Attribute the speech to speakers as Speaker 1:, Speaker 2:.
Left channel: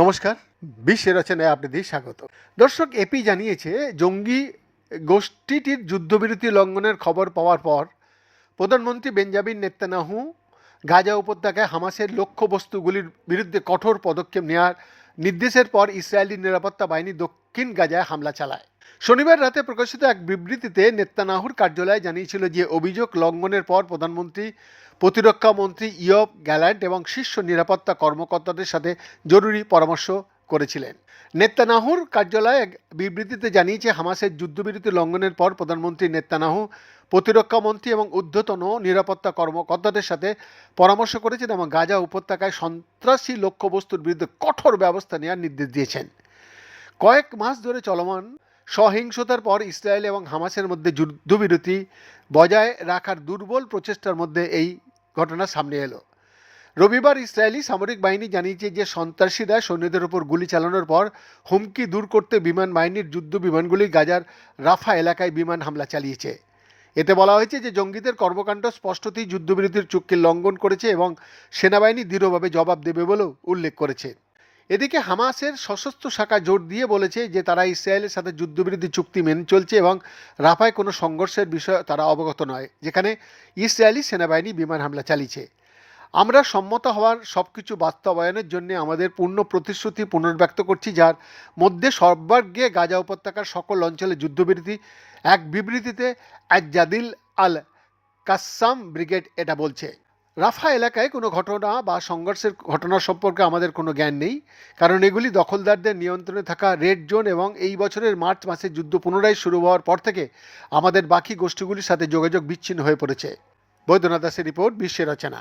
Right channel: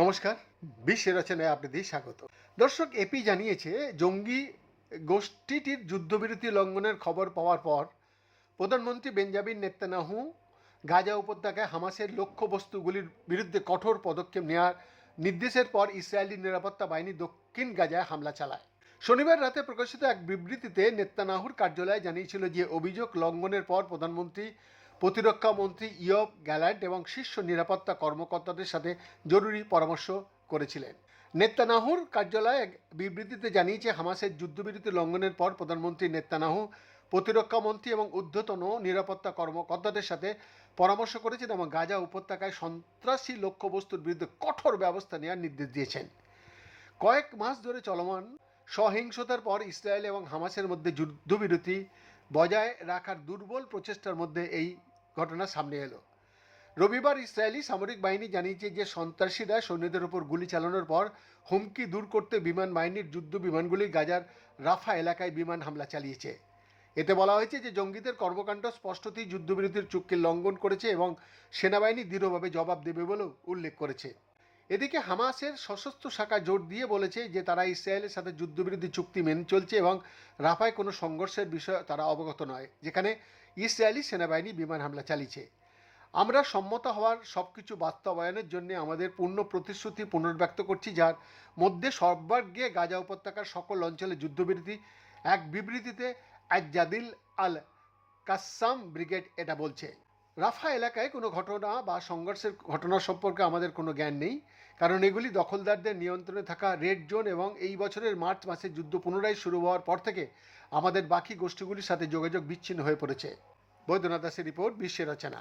Speaker 1: নমস্কার, বিশ্বের রচনায় আপনাদের স্বাগত। দর্শক এপি জানিয়েছে, জঙ্গি গোষ্ঠীটির যুদ্ধবিরতি লঙ্ঘনের খবর পাওয়ার পর প্রধানমন্ত্রী বেঞ্জামিন নেত্তানাহু গাজা উপত্যকায় হামাসের লক্ষ্যবস্তুগুলির বিরুদ্ধে কঠোর পদক্ষেপ নেওয়ার নির্দেশের পর ইসরায়েলি নিরাপত্তা বাহিনী দক্ষিণ গাজায় হামলা চালায়। শনিবার রাতে প্রকাশিত এক বিবৃতিতে নেত্তানাহুর কার্যালয় জানিয়েছিল যে, অভিযোগ লঙ্ঘনের পর প্রধানমন্ত্রী প্রতিরক্ষা মন্ত্রী ইয়ব গ্যালান্ট এবং শীর্ষ নিরাপত্তা কর্মকর্তাদের সাথে জরুরি পরামর্শ করেছিলেন। নেত্তানাহুর কার্যালয় এক বিবৃতিতে জানিয়েছে, হামাসের যুদ্ধবিরতি লঙ্ঘনের পর প্রধানমন্ত্রী নেত্তানাহু প্রতিরক্ষা মন্ত্রী এবং ঊর্ধ্বতন নিরাপত্তা কর্মকর্তাদের সাথে পরামর্শ করেছেন এবং গাজা উপত্যকায় সন্ত্রাসী লক্ষ্যবস্তুর বিরুদ্ধে কঠোর ব্যবস্থা নেওয়ার নির্দেশ দিয়েছেন। কয়েক মাস ধরে চলমান সহিংসতার পর ইসরায়েল এবং হামাসের মধ্যে যুদ্ধবিরতি বজায় রাখার দুর্বল প্রচেষ্টার মধ্যে এই ঘটনা সামনে এলো। রবিবার ইসরায়েলি সামরিক বাহিনী জানিয়েছে যে সন্ত্রাসীরা সৈন্যদের ওপর গুলি চালানোর পর হুমকি দূর করতে বিমান বাহিনীর যুদ্ধ বিমানগুলি গাজার রাফা এলাকায় বিমান হামলা চালিয়েছে। এতে বলা হয়েছে যে জঙ্গিদের কর্মকাণ্ড স্পষ্টতই যুদ্ধবিরতির চুক্তি লঙ্ঘন করেছে এবং সেনাবাহিনী দৃঢ়ভাবে জবাব দেবে বলেও উল্লেখ করেছে। এদিকে হামাসের সশস্ত্র শাখা জোর দিয়ে বলেছে যে তারা ইসরায়েলের সাথে যুদ্ধবিরতি চুক্তি মেনে চলছে এবং রাফায় কোনো সংঘর্ষের বিষয়ে তারা অবগত নয়, যেখানে ইসরায়েলি সেনাবাহিনী বিমান হামলা চালিয়েছে। আমরা সম্মত হওয়ার সব কিছু বাস্তবায়নের জন্য আমাদের পূর্ণ প্রতিশ্রুতি পুনর্ব্যক্ত করছি, যার মধ্যে সর্বাগ্রে গাজা উপত্যকার সকল অঞ্চলে যুদ্ধবিরতি, এক বিবৃতিতে আজাদিল আল কাসাম ব্রিগেড এটা বলছে। রাফা এলাকায় কোনো ঘটনা বা সংঘর্ষের ঘটনা সম্পর্কে আমাদের কোনো জ্ঞান নেই। কারণ এগুলি দখলদারদের নিয়ন্ত্রণে থাকা রেড জোন এবং এই বছরের মার্চ মাসে যুদ্ধ পুনরায় শুরু হওয়ার পর থেকে আমাদের বাকি গোষ্ঠীগুলির সাথে যোগাযোগ বিচ্ছিন্ন হয়ে পড়েছে। বৈদ্যনাথ দাসের রিপোর্ট, বিশ্বের রচনা